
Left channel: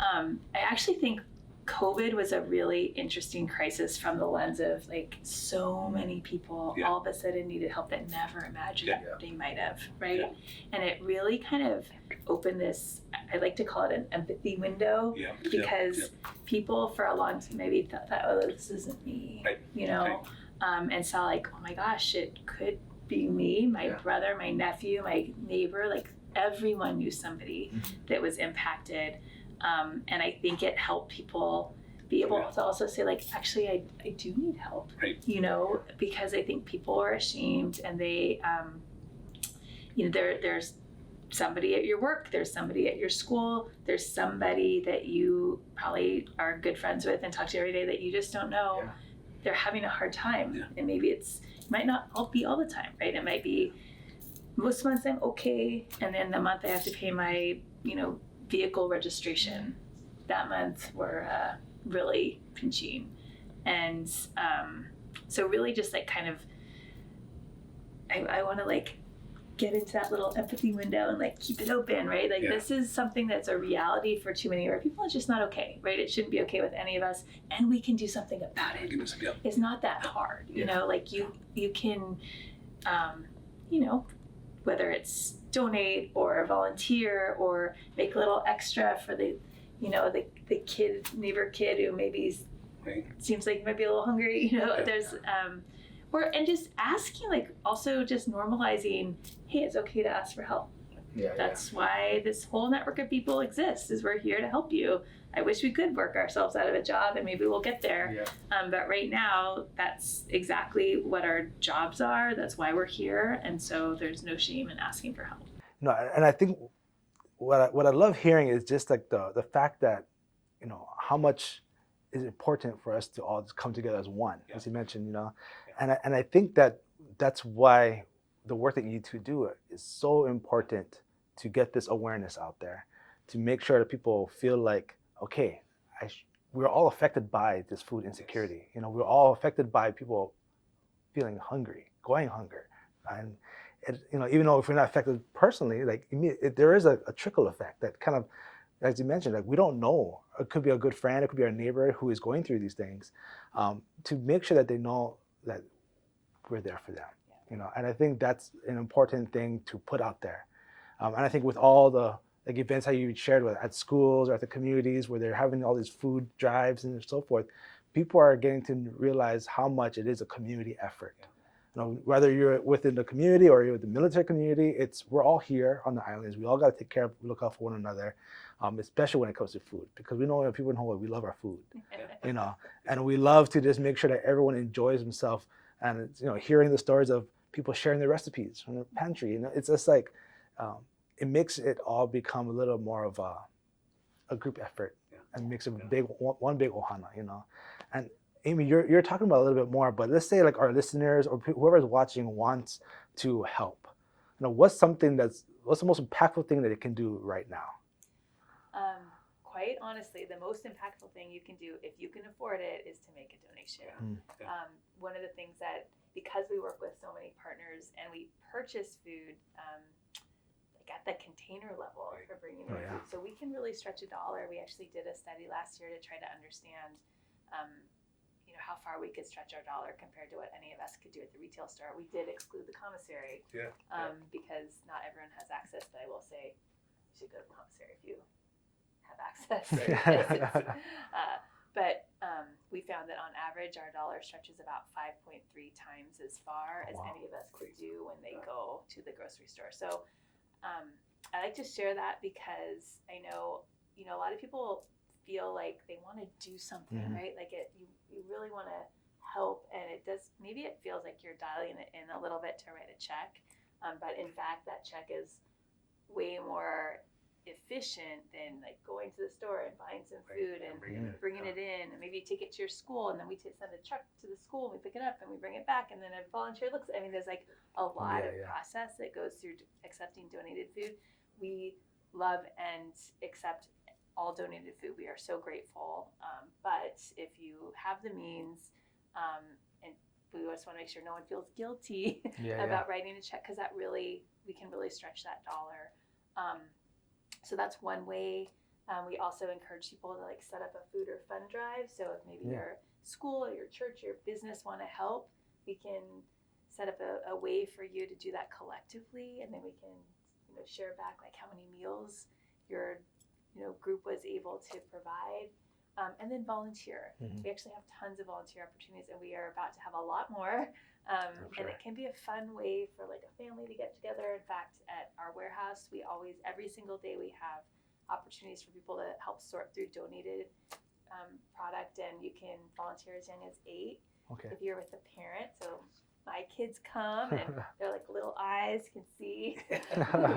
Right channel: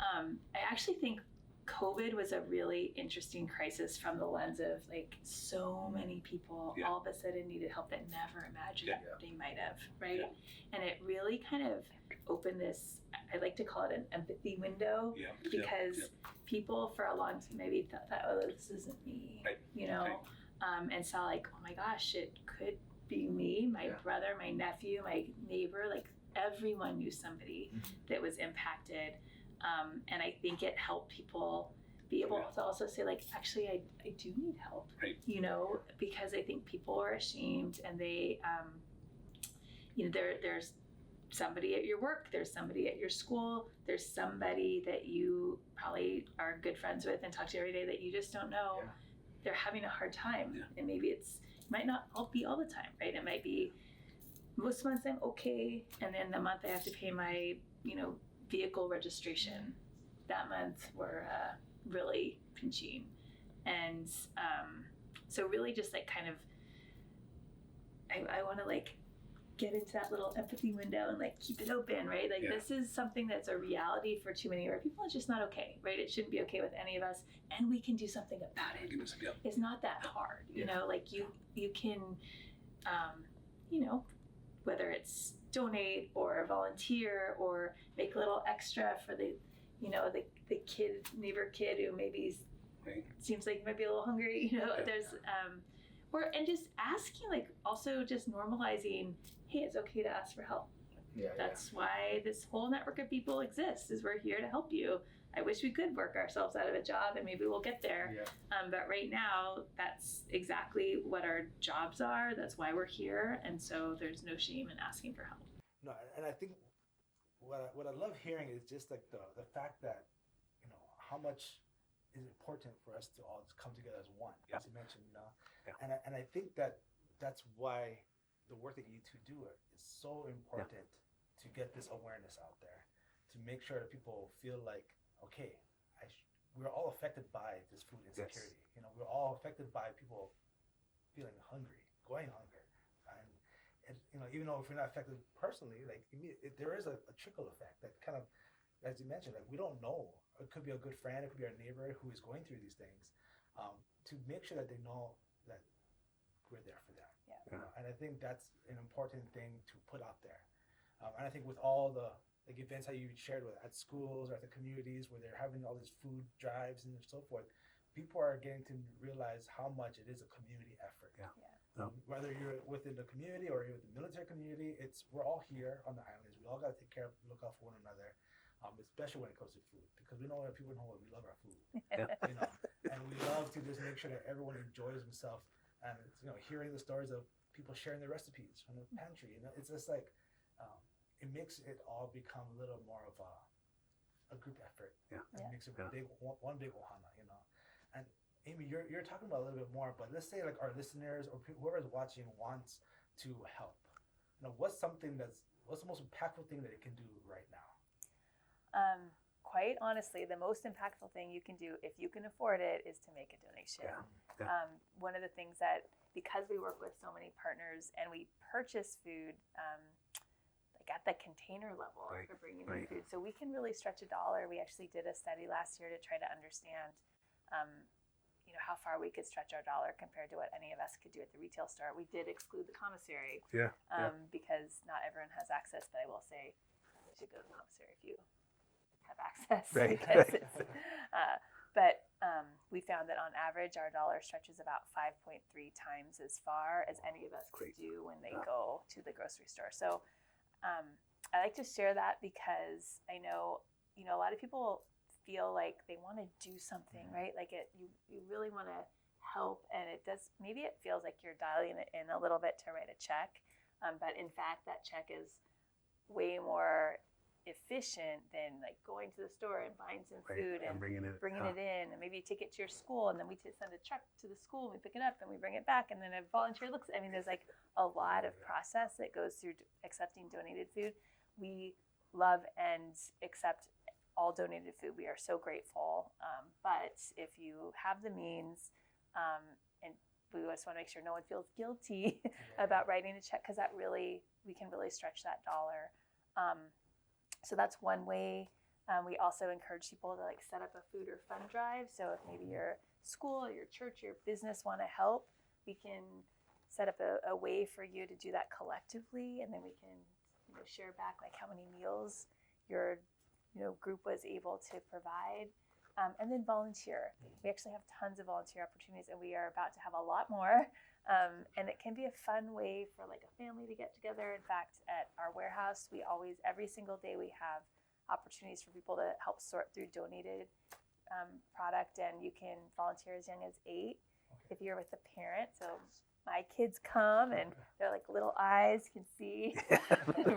I actually think COVID was a really interesting crisis from the lens of like so many people all of a sudden needed help that never imagined they might have, right? Yeah. And it really kind of opened this, I like to call it an empathy window, because people for a long time maybe thought, oh, this isn't me, you know, and saw like, oh my gosh, it could be me, my brother, my nephew, my neighbor, like everyone knew somebody that was impacted. And I think it helped people be able to also say like, actually, I do need help, you know, because I think people are ashamed and they, you know, there's somebody at your work, there's somebody at your school, there's somebody that you probably are good friends with and talk to every day that you just don't know. They're having a hard time, and maybe it might not be all the time, right? It might be most months I'm okay, and then the month I have to pay my, you know, vehicle registration, that month we're really pinching. And so really just like kind of I want to like get into that little empathy window and like keep it open, right? Like this is something that's a reality for too many of our people. It's just not okay, right? It shouldn't be okay with any of us, and we can do something about it. It's not that hard, you know, like you can you know, whether it's donate or volunteer or make a little extra for the, you know, the neighbor kid who maybe seems like he might be a little hungry, you know, there's and just asking, like also just normalizing, hey, it's okay to ask for help. That's why this whole network of people exists, is we're here to help you. I wish we could work ourselves out of a job, and maybe we'll get there. But right now, that's exactly what our jobs are. That's why we're here. And so there's no shame in asking for help. No, and I think what I love hearing is just like the fact that, you know, how much is important for us to all just come together as one, as you mentioned, Yeah. and I think that's why the work that you two do is so important, to get this awareness out there, to make sure that people feel like, okay, we're all affected by this food insecurity. Yes. We're all affected by people feeling hungry, going hunger, and even though if we're not affected personally, like there is a trickle effect that kind of, as you mentioned, like we don't know. It could be a good friend, it could be our neighbor who is going through these things, to make sure that they know that we're there for them. And I think that's an important thing to put out there. And I think with all the like events how you shared with at schools or at the communities where they're having all these food drives and so forth, people are getting to realize how much it is a community effort. Whether you're within the community or you're with the military community, we're all here on the islands. We all got to take care of, look out for one another, especially when it comes to food, because we know people in Hawaii, we love our food, and we love to just make sure that everyone enjoys themselves. And hearing the stories of people sharing their recipes from their pantry, it's just like it makes it all become a little more of a group effort, and makes a big one big ohana, And Amy, you're talking about a little bit more, but let's say like our listeners or whoever's watching wants to help. What's the most impactful thing that it can do right now? Quite honestly, the most impactful thing you can do, if you can afford it, is to make a donation. One of the things that, because we work with so many partners and we purchase food like at the container level for bringing in food, so we can really stretch $1. We actually did a study last year to try to understand how far we could stretch our dollar compared to what any of us could do at the retail store. We did exclude the commissary because not everyone has access, but I will say you should go to the commissary if you have access. But we found that on average our dollar stretches about 5.3 times as far as any of us could do when they go to the grocery store. So I like to share that because I know a lot of people feel like they want to do something, right? Like you really want to help, and maybe it feels like you're dialing it in a little bit to write a check, but in fact that check is way more efficient than like going to the store and buying some food and bringing it in, and maybe take it to your school, and then we send a truck to the school, we pick it up and we bring it back, and then a volunteer looks. There's like a lot of process that goes through accepting donated food. We love and accept all donated food. We are so grateful, but if you have the means, and we just want to make sure no one feels guilty about writing a check, because we can really stretch that dollar. So that's one way. We also encourage people to like set up a food or fun drive. So if maybe your school, your church, your business want to help, we can set up a way for you to do that collectively, and then we can share back like how many meals your group was able to provide, and then volunteer. We actually have tons of volunteer opportunities, and we are about to have a lot more. And it can be a fun way for like a family to get together. In fact, at our warehouse, every single day we have opportunities for people to help sort through donated product, and you can volunteer as young as 8 if you're with a parent. So my kids come, and their like little eyes can see,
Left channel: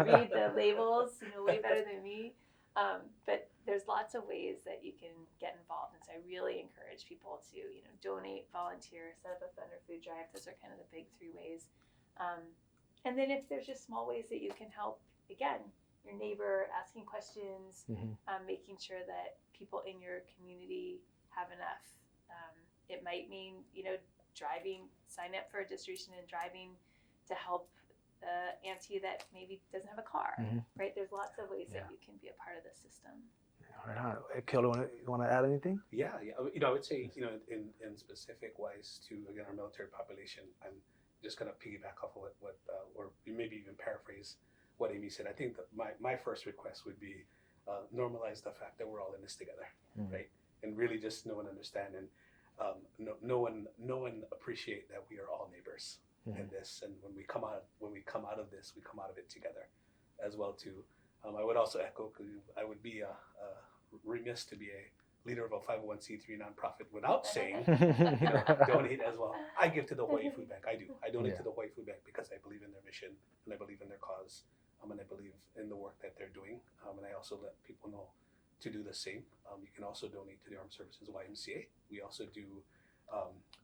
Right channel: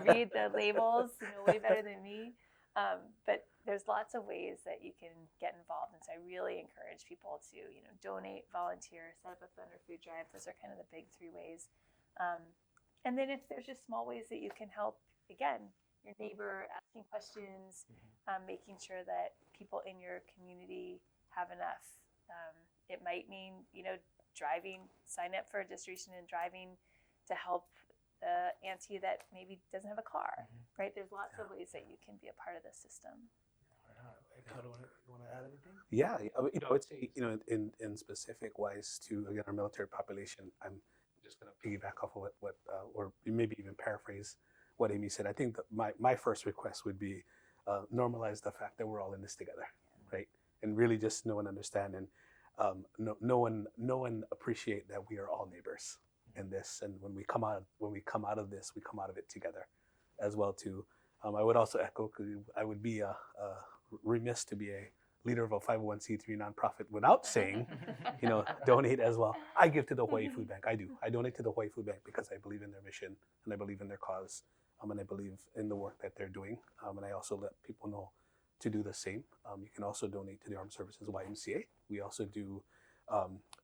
read the labels way better than me. But there's lots of ways that you can get involved, and so I really encourage people to donate, volunteer, set up a fun or food drive. Those are kind of the big 3 ways. And then if there's just small ways that you can help, again, your neighbor, asking questions, making sure that people in your community have enough. It might mean driving, sign up for a distribution and driving to help auntie that maybe doesn't have a car, right? There's lots of ways that you can be a part of the system. Right on. Keola, you want to add anything? Yeah, I would say, in specific wise to, again, our military population, I'm just going to piggyback off of what or maybe even paraphrase what Amy said. I think that my first request would be normalize the fact that we're all in this together, right? And really just know and understand, and no one appreciate that we are all neighbors in this. And when we come out of this, we come out of it together as well too. I would also echo, because I would be remiss to be a leader of a 501c3 nonprofit without saying, donate as well. I give to the Hawaii Food Bank. I do. I donate to the Hawaii Food Bank because I believe in their mission, and I believe in their cause, and I believe in the work that they're doing. And I also let people know to do the same. You can also donate to the Armed Services YMCA. We also do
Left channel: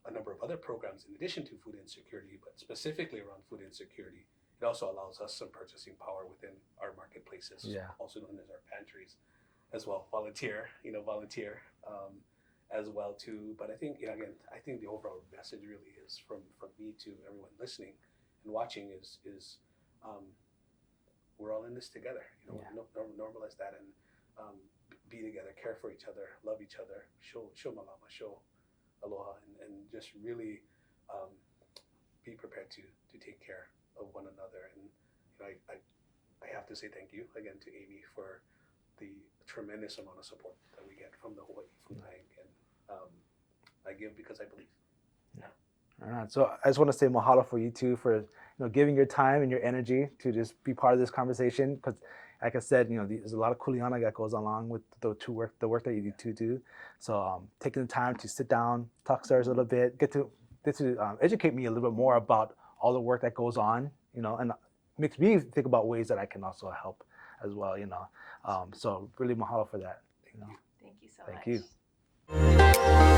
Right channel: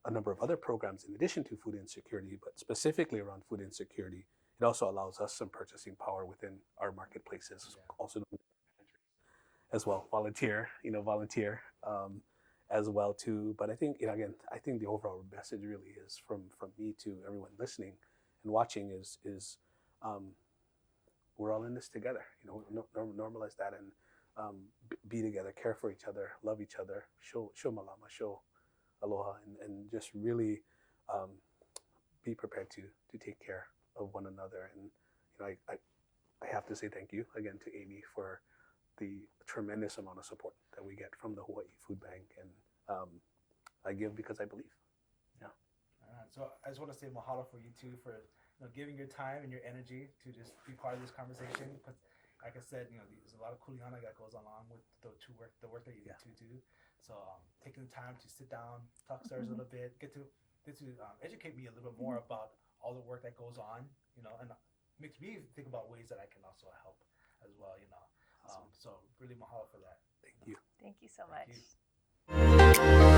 a number of other programs in addition to food insecurity, but specifically around food insecurity. It also allows us some purchasing power within our marketplaces, also known as our pantries, as well. Volunteer as well too. But I think, again, I think the overall message really is from me to everyone listening and watching is we're all in this together. Normalize that and be together, care for each other, love each other, show malama, show aloha, and just really be prepared to take care of one another. And I have to say thank you again to Amy for the tremendous amount of support that we get from the Hawaii Food Bank, and I give because I believe. All right. So I just want to say mahalo for you two for giving your time and your energy to just be part of this conversation, because like I said, there's a lot of kuleana that goes along with the work that you do. So taking the time to sit down, talk to us a little bit, get to educate me a little bit more about all the work that goes on, and makes me think about ways that I can also help as well, So really mahalo for that. Thank you. Thank you so Thank much. you.